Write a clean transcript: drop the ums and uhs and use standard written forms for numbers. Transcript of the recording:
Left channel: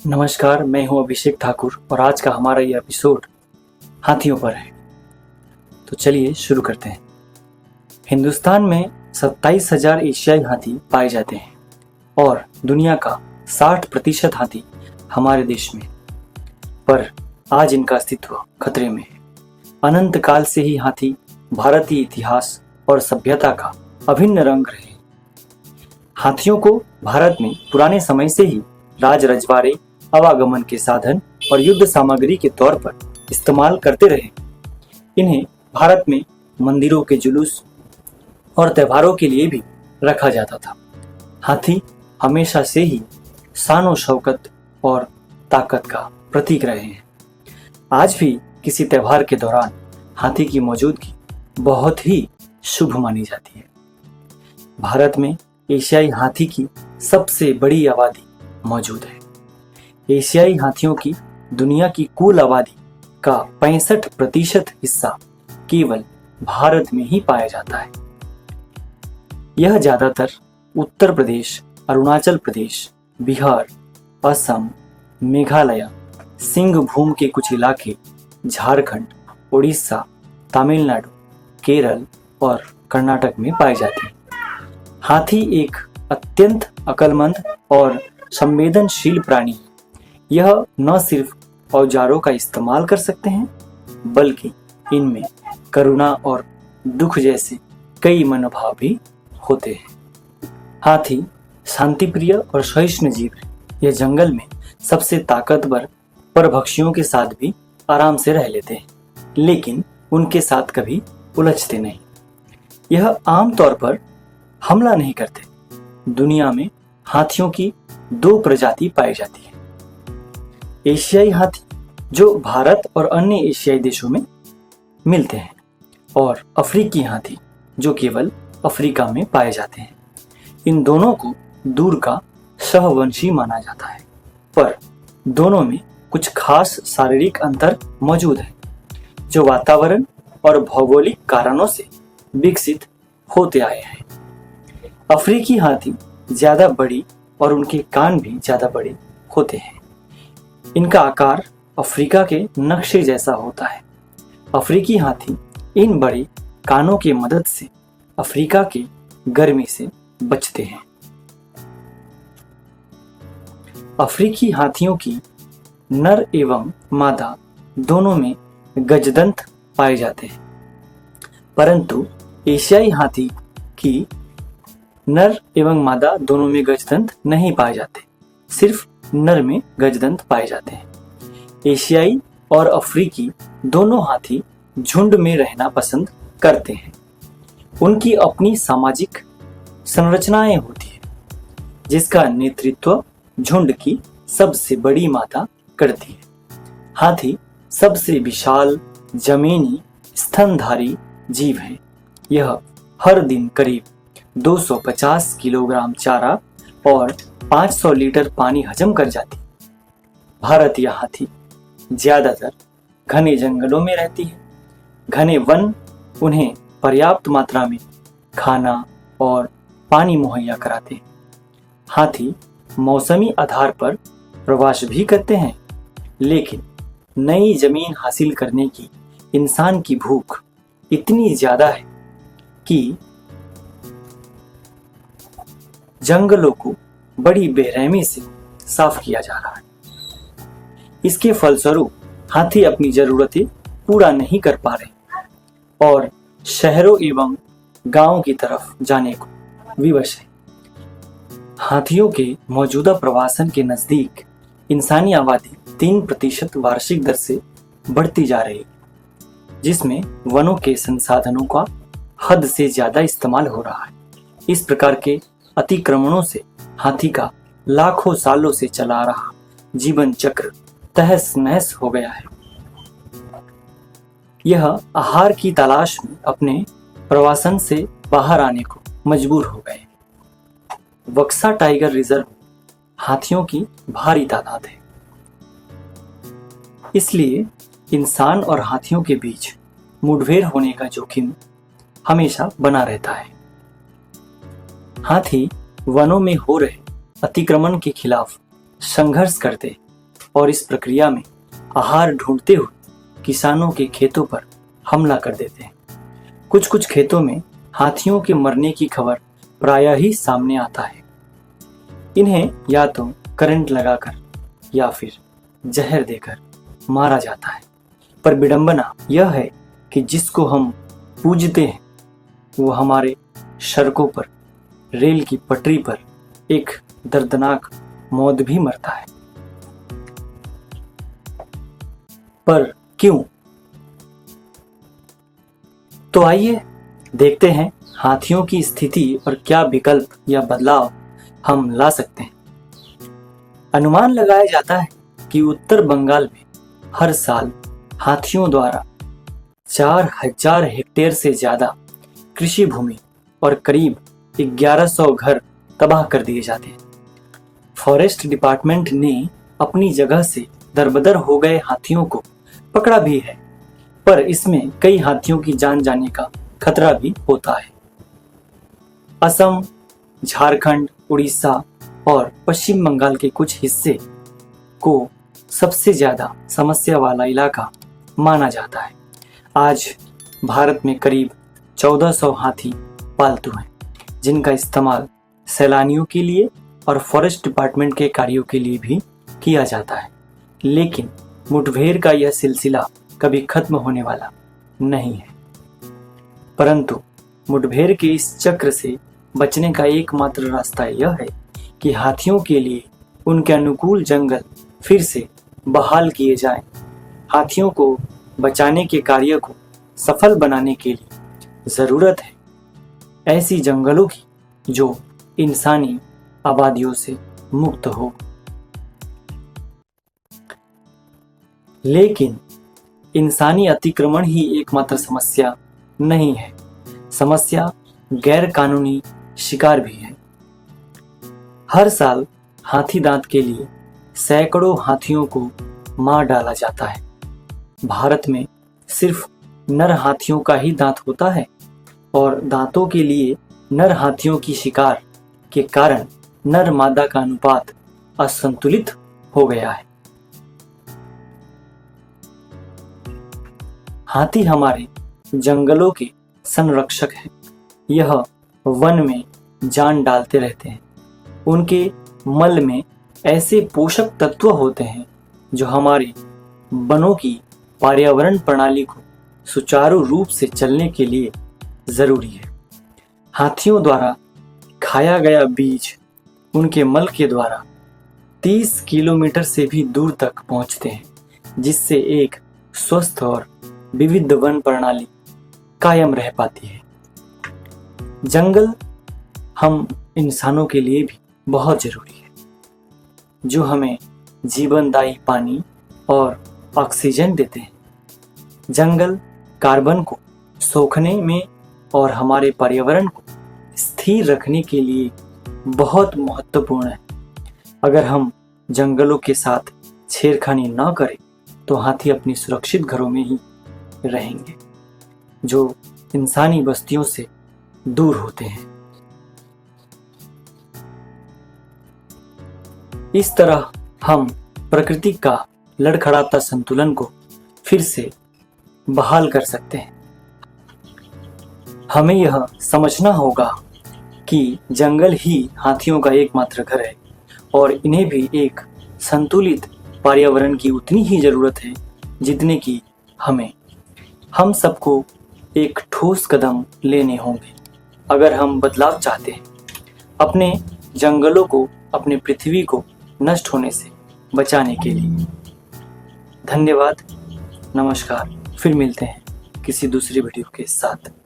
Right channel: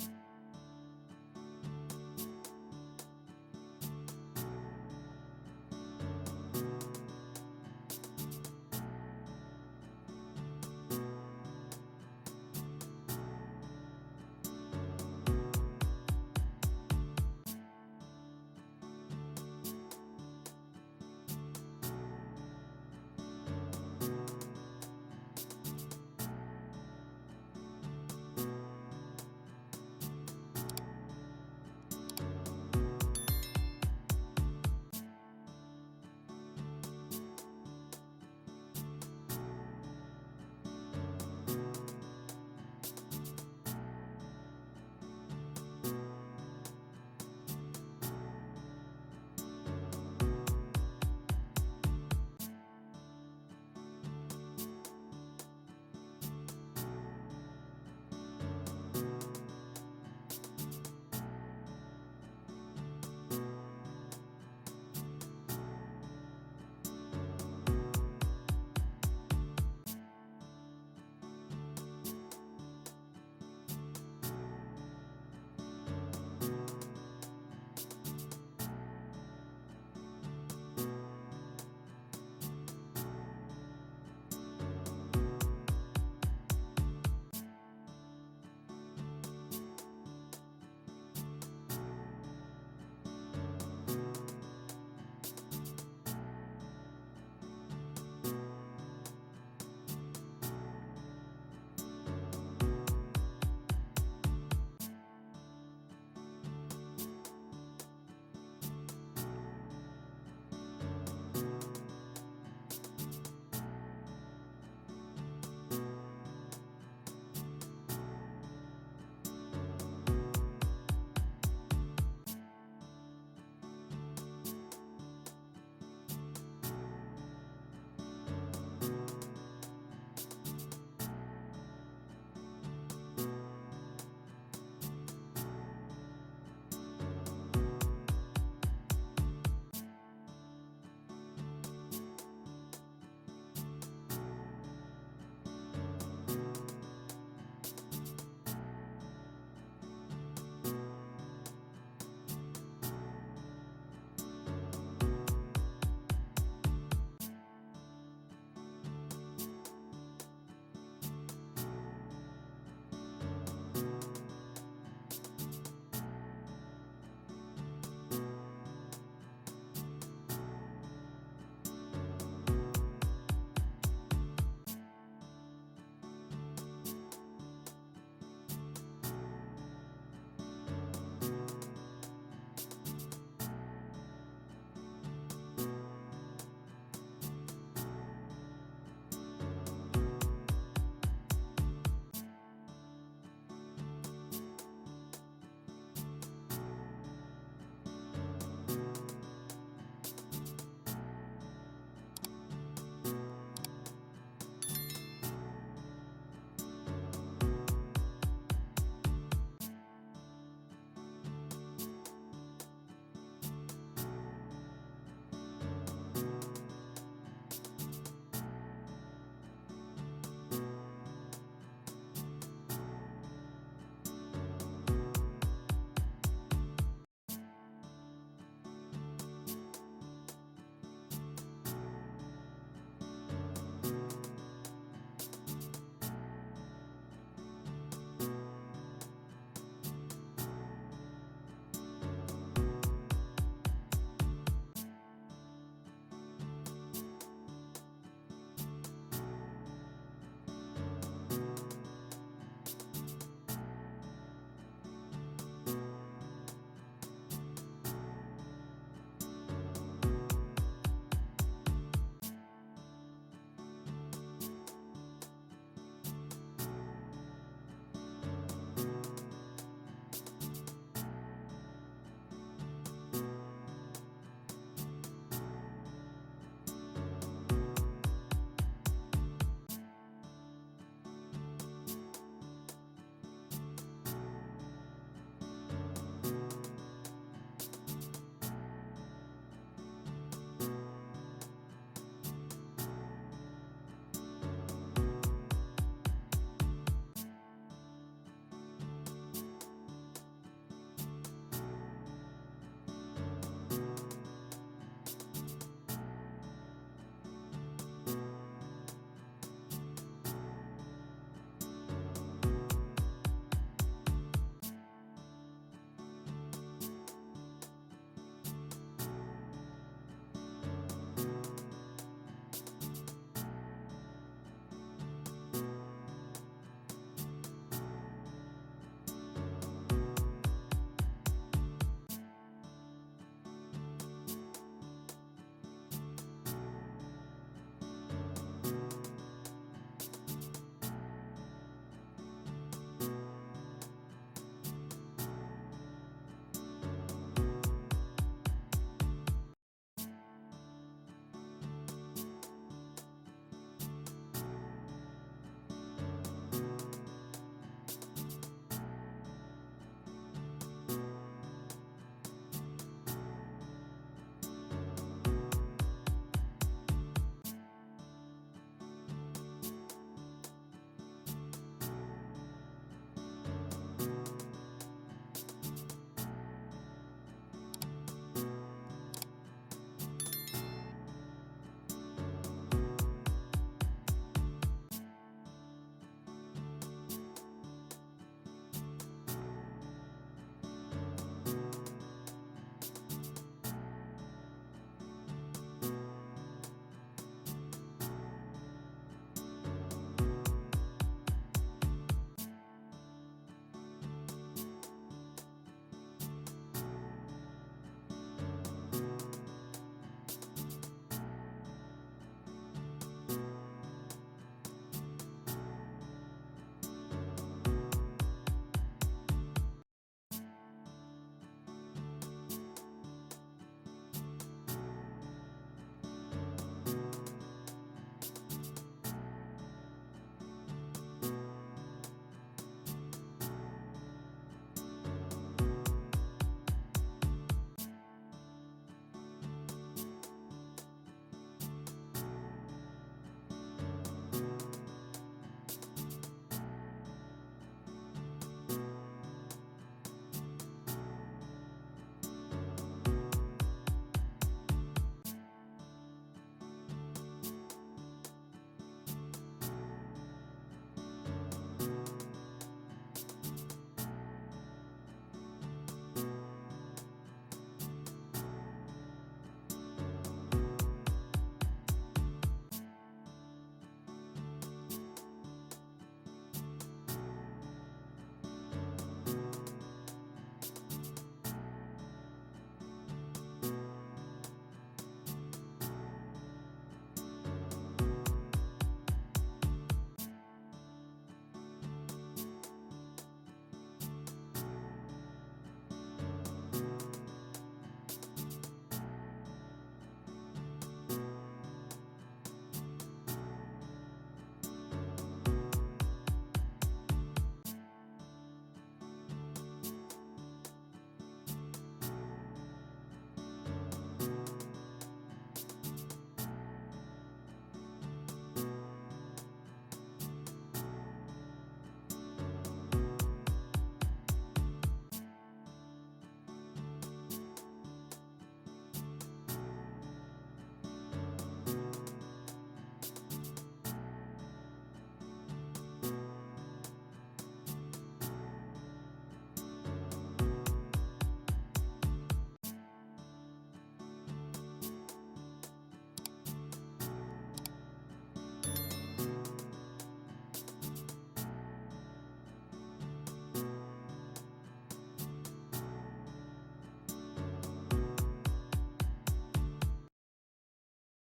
नमस्कार, मैं हूं अभिषेक ठाकुर और आज का हमारा ये एपिसोड हाथियों पर है। तो चलिए शुरू करते हैं। हिंदुस्तान में 27,000 एशियाई हाथी पाए जाते हैं और दुनिया का 60% हाथी हमारे देश में, पर आज इनका अस्तित्व खतरे में है। अनंत काल से ही हाथी भारतीय इतिहास और सभ्यता का अभिन्न रंग रहे हैं। हाथियों को भारत में पुराने समय से ही राज रजवाड़े, आवागमन के साधन और युद्ध सामग्री के तौर पर इस्तेमाल करते रहे। इन्हें भारत में मंदिरों के जुलूस और त्योहारों के लिए भी रखा जाता था। हाथी हमेशा से ही शान शौकत और ताकत का प्रतीक रहे हैं। आज भी किसी त्योहार के दौरान हाथी की मौजूदगी बहुत ही शुभ मानी जाती है। भारत में एशियाई हाथी की सबसे बड़ी आबादी मौजूद है। एशियाई हाथियों की दुनिया की कुल आबादी का 65% हिस्सा केवल भारत में ही पाया जाता है। यह ज्यादातर उत्तर प्रदेश, अरुणाचल प्रदेश, बिहार, असम, मेघालय, सिंहभूम के कुछ इलाके, झारखंड, उड़ीसा, तमिलनाडु, केरल और कर्नाटक में पाए जाते हैं। हाथी एक अत्यंत अक्लमंद और संवेदनशील प्राणी है। यह न सिर्फ औजारों का इस्तेमाल कर सकते हैं, बल्कि इनमें करुणा और दुख जैसे कई मनोभाव भी होते हैं। हाथी शांतिप्रिय और सहिष्णु जीव है। यह जंगल में सबसे ताकतवर परभक्षियों के साथ भी आराम से रह लेते हैं, लेकिन उनके साथ कभी उलझते नहीं। यह आमतौर पर हमला नहीं करते। दुनिया में हाथियों की 2 प्रजाति पाई जाती है। एशियाई हाथी जो भारत और अन्य एशियाई देशों में मिलते हैं, और अफ्रीकी हाथी जो केवल अफ्रीका में पाए जाते हैं। इन दोनों को दूर का सहवंशी माना जाता है, पर दोनों में कुछ खास शारीरिक अंतर मौजूद है जो वातावरण और भौगोलिक कारणों से विकसित होते आए हैं। अफ्रीकी हाथी ज्यादा बड़ी और उनके कान भी ज्यादा बड़े होते हैं। इनका आकार अफ्रीका के नक्शे जैसा होता है। अफ्रीकी हाथी इन बड़े कानों की मदद से अफ्रीका के गर्मी से बचते हैं। अफ्रीकी हाथियों की नर एवं मादा दोनों में गजदंत पाए जाते हैं, परंतु एशियाई हाथी की नर एवं मादा दोनों में गजदंत नहीं पाए जाते, सिर्फ नर में गजदंत पाए जाते हैं। एशियाई और अफ्रीकी दोनों हाथी झुंड में रहना पसंद करते हैं। उनकी अपनी सामाजिक संरचनाएं होती है, जिसका नेतृत्व झुंड की सबसे बड़ी माता करती है। हाथी सबसे विशाल जमीनी स्तनधारी जीव है। यह हर दिन करीब 250 किलोग्राम चारा और 500 लीटर पानी हजम कर जाती है। भारतीय हाथी ज्यादातर घने जंगलों में रहती है। घने वन उन्हें पर्याप्त मात्रा में खाना और पानी मुहैया कराते हैं। हाथी मौसमी आधार पर प्रवास भी करते हैं, लेकिन नई जमीन हासिल करने की इंसान की भूख इतनी ज्यादा है कि जंगलों को बड़ी बेरहमी से साफ किया जा रहा है। इसके फलस्वरूप हाथी अपनी जरूरतें पूरा नहीं कर पा रहे और शहरों एवं गांवों की तरफ जाने को विवश है। हाथियों के मौजूदा प्रवासन के नजदीक इंसानी आबादी 3% वार्षिक दर से बढ़ती जा रही है, जिसमें वनों के संसाधनों का हद से ज्यादा इस्तेमाल हो रहा है। इस प्रकार के अतिक्रमणों से हाथी का लाखों सालों से चला रहा जीवन चक्र तहस नहस हो गया है। यह आहार की तलाश में अपने प्रवासन से बाहर आने को मजबूर हो गए। बक्सा टाइगर रिजर्व हाथियों की भारी तादाद है, इसलिए इंसान और हाथियों के बीच मुठभेड़ होने का जोखिम हमेशा बना रहता है। हाथी वनों में हो रहे अतिक्रमण के खिलाफ संघर्ष करते और इस प्रक्रिया में आहार ढूंढते हुए किसानों के खेतों पर हमला कर देते हैं। कुछ कुछ खेतों में हाथियों के मरने की खबर प्रायः ही सामने आता है। इन्हें या तो करंट लगाकर या फिर जहर देकर मारा जाता है। पर विडंबना यह है कि जिसको हम पूजते हैं वो हमारे सड़कों पर, रेल की पटरी पर एक दर्दनाक मौत भी मरता है। पर क्यों? तो आइए देखते हैं हाथियों की स्थिति और क्या विकल्प या बदलाव हम ला सकते हैं। अनुमान लगाया जाता है कि उत्तर बंगाल में हर साल हाथियों द्वारा 4000 हेक्टेयर से ज्यादा कृषि भूमि और करीब 1100 घर तबाह कर दिए जाते हैं। फॉरेस्ट डिपार्टमेंट ने अपनी जगह से दरबदर हो गए हाथियों को पकड़ा भी है, पर इसमें कई हाथियों की जान जाने का खतरा भी होता है। असम, झारखंड, उड़ीसा और पश्चिम बंगाल के कुछ हिस्से को सबसे ज्यादा समस्या वाला इलाका माना जाता है। आज भारत में करीब 1400 हाथी पालतू हैं, जिनका इस्तेमाल सैलानियों के लिए और फॉरेस्ट डिपार्टमेंट के कार्यों के लिए भी किया जाता है। लेकिन मुठभेड़ का यह सिलसिला कभी खत्म होने वाला नहीं है। परंतु मुठभेड़ के इस चक्र से बचने का एकमात्र रास्ता यह है कि हाथियों के लिए उनके अनुकूल जंगल फिर से बहाल किए जाएं। हाथियों को बचाने के कार्य को सफल बनाने के लिए जरूरत है ऐसी जंगलों की जो इंसानी आबादियों से मुक्त हो। लेकिन इंसानी अतिक्रमण ही एकमात्र समस्या नहीं है। समस्या गैर कानूनी शिकार भी है। हर साल हाथी दांत के लिए सैकड़ों हाथियों को मार डाला जाता है। भारत में सिर्फ नर हाथियों का ही दांत होता है और दांतों के लिए नर हाथियों की शिकार के कारण नर मादा का अनुपात असंतुलित हो गया है। हाथी हमारे जंगलों के संरक्षक हैं। यह वन में जान डालते रहते हैं। उनके मल में ऐसे पोषक तत्व होते हैं जो हमारे वनों की पर्यावरण प्रणाली को सुचारू रूप से चलने के लिए जरूरी है। हाथियों द्वारा खाया गया बीज उनके मल के द्वारा 30 किलोमीटर से भी दूर तक पहुंचते हैं, जिससे एक स्वस्थ और विविध वन प्रणाली कायम रह पाती है। जंगल हम इंसानों के लिए भी बहुत जरूरी है, जो हमें जीवनदायी पानी और ऑक्सीजन देते हैं। जंगल कार्बन को सोखने में और हमारे पर्यावरण को स्थिर रखने के लिए बहुत महत्वपूर्ण है। अगर हम जंगलों के साथ छेड़खानी न करें तो हाथी अपनी सुरक्षित घरों में ही रहेंगे, जो इंसानी बस्तियों से दूर होते हैं। इस तरह हम प्रकृति का लड़खड़ाता संतुलन को फिर से बहाल कर सकते हैं। हमें यह समझना होगा कि जंगल ही हाथियों का एकमात्र घर है और इन्हें भी एक संतुलित पर्यावरण की उतनी ही जरूरत है जितने की हमें। हम सबको एक ठोस कदम लेने होंगे अगर हम बदलाव चाहते हैं, अपने जंगलों को, अपने पृथ्वी को नष्ट होने से बचाने के लिए। धन्यवाद, नमस्कार। फिर मिलते हैं किसी दूसरी वीडियो के साथ।